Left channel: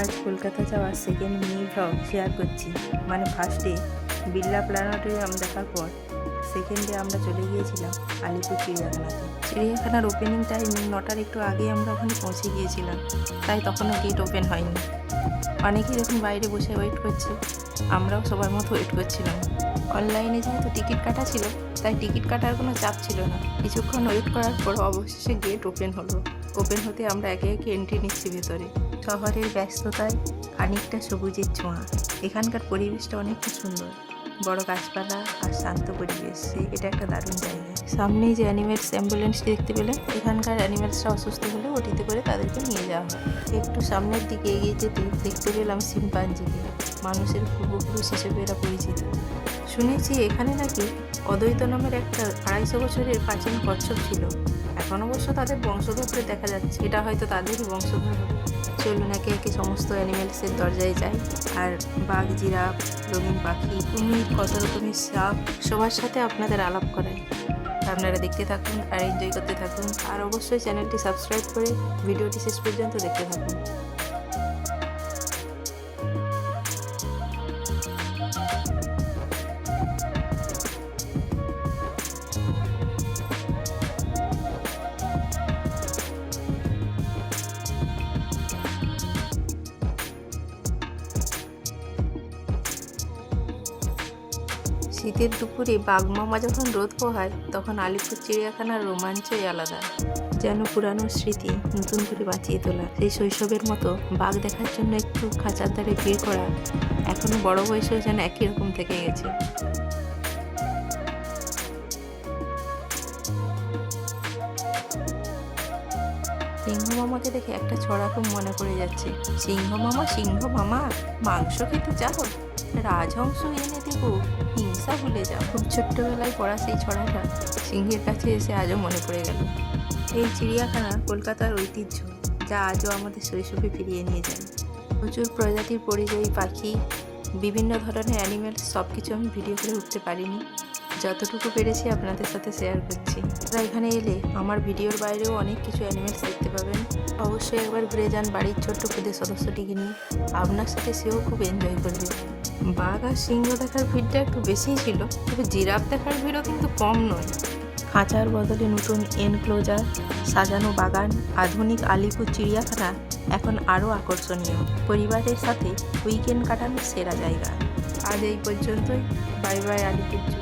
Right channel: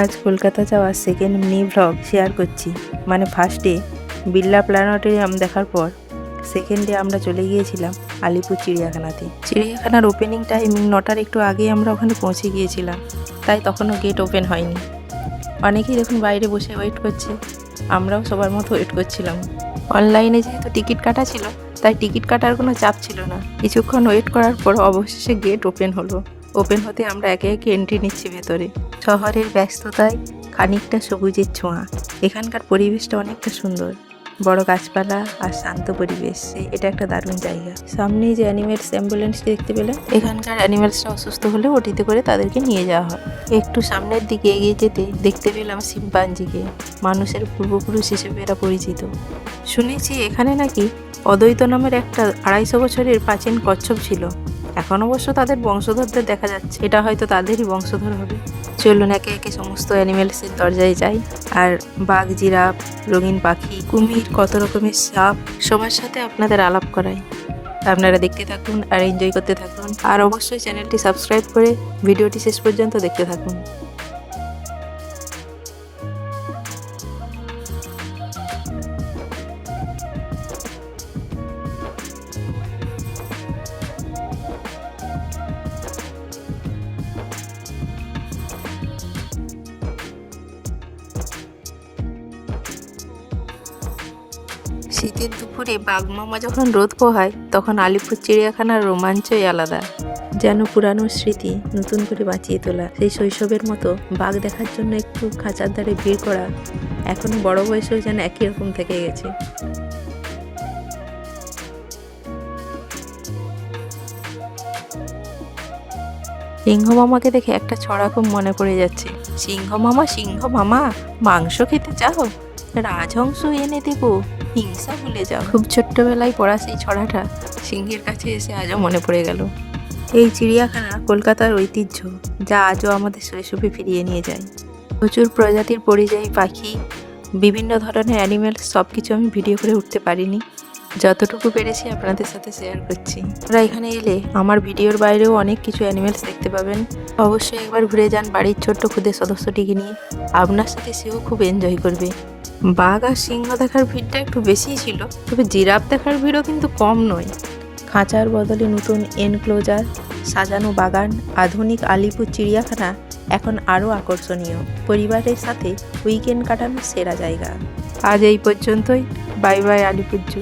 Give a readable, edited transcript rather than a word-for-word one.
আজ কলকাতা যাওয়ার second mini vlog share করছি। মানে ফার্স্ট ডে বিড়লা প্ল্যানেটোরিয়াম দেখার পর সেকেন্ড ডে আমরা চলে গিয়েছিলাম আলিপুর চিড়িয়াখানাতে। চিড়িয়াখানার ওপেনিং টাইম 9টার একটু আগেই আমরা ওখানে পৌঁছে গিয়েছিলাম, তাই তখনও গেট ওপেন হয়নি। অনেকেই এখন বাইরে বসে ওয়েট করছে, আমরাও সবার মতো ওয়েট করছিলাম। অনলাইনে যেহেতু টিকিট কাটা ছিল, তাই টিকিট কাটার কোনো চাপ ছিল না। কিছুক্ষণ ওয়েট করার পর অবশেষে গেট ওপেন হলো। ওপেন হতে আমরা একে একে এন্ট্রি নিচ্ছি ভেতরে। শহরের ব্যস্ততায় খানিকটা সবুজের ছোঁয়া। এখানকার পরিবেশটা অনেকটা সুন্দর, বড় গাছপালা আর শান্ত পরিবেশ। এটা একটা দারুণ জায়গা। সামনেই যে অ্যানিমেলস অ্যাম্বুলেন্সটি দেখতে পেলাম, এখানকার অ্যানিমেলসরা অসুস্থ হলে ওটিতে করে তাদেরকে নিয়ে যাওয়া হয়। একটু সামনের দিকে এগিয়ে যেতে দেখতে পেলাম শিম্পাঞ্জিকে। মানুষের পূর্বপুরুষ হিসেবে এরা পরিচিত। শুনেছি এখানে নাকি অদ্বৈত নামের একটা 250 বছরের প্রাচীন কচ্ছপ ছিল। এখন অবশ্য তাদের বংশধরদের দেখা যাচ্ছে, এটা হয়তো তাদেরই বংশধর হবে। চলুন একে একে সমস্ত অ্যানিমেলসের দরজায় যাই। আর বাঘ, জিরাফ, রঙিন পাখি, কুমির, কত রকমের সাপ, সবার সাথে আপনাদের আলাপ করাই। আপনারা দেখতে থাকুন আর এনজয় করতে থাকুন। আর অবশ্যই চ্যানেলটি সাবস্ক্রাইব করে ভিডিওটি শেষ পর্যন্ত দেখতে থাকুন। শীতের দুপুরে বাঘমামা যখন রোদ পোহায়, তখন আলিপুর চিড়িয়াখানার রোমাঞ্চই আলাদা। যেন পুরানো স্মৃতি নতুন করে বাঁচিয়ে তোলা। সেই শৈশবের মতো বাঘ দেখার জন্য একটু খাঁচার ধারে ভিড় করা এখনো বড় বয়সেও যেন একই রকম থেকে গেছে। সিংহ মামাকে দেখে একটা ছড়া খুব মনে পড়ে যাচ্ছে। সিংহ মামা, সিংহ মামা, মাংস খেতে চাও? রাজহংস এনে দেব, হিংসা ভুলে যাও। খুব ছোট্টবেলায় পড়া সেই ছড়াটা সিংহের কাছে এসে আজও মনে পড়ে গেল। এই চিড়িয়াখানা কলকাতার ঐতিহ্য, যা আজও আমাদের শৈশবে ফিরিয়ে নিয়ে যায়। প্রচুর প্রজাতির পরিযায়ী পাখি, বিভিন্ন ধরনের অ্যানিমেলস, সব কিছু আমি ভিডিও করে উঠতে পারিনি। যতটুকু পেরেছি আপনাদের সাথে শেয়ার করছি। আপনারা এখানে এলে আমার ভিডিওর বাইরেও অনেক কিছু অ্যানিমেলস দেখতে পাবেন। অবশ্যই একবার ঘুরে যান বাড়ির ছোট্ট খুদে সদস্যটিকে নিয়ে। আপনার সাথে সেও খুব এনজয় করবে। বাঘ আর সিংহ দেখার ভিড়টা একটু বেশিই ছিল, তবে জিরাফ দেখার ভিড়ও কিন্তু কম নয়। খাঁচার বদলে নতুন এনক্লোজার, সাজানো বাগান, আধুনিক আলিপুর চিড়িয়াখানা এখন আরও আকর্ষণীয়। পরিবারের সাথে উইকেন্ড কাটানোর সেরা জায়গা। আজ এই পর্যন্তই। বাই বাই আলিপুর জু।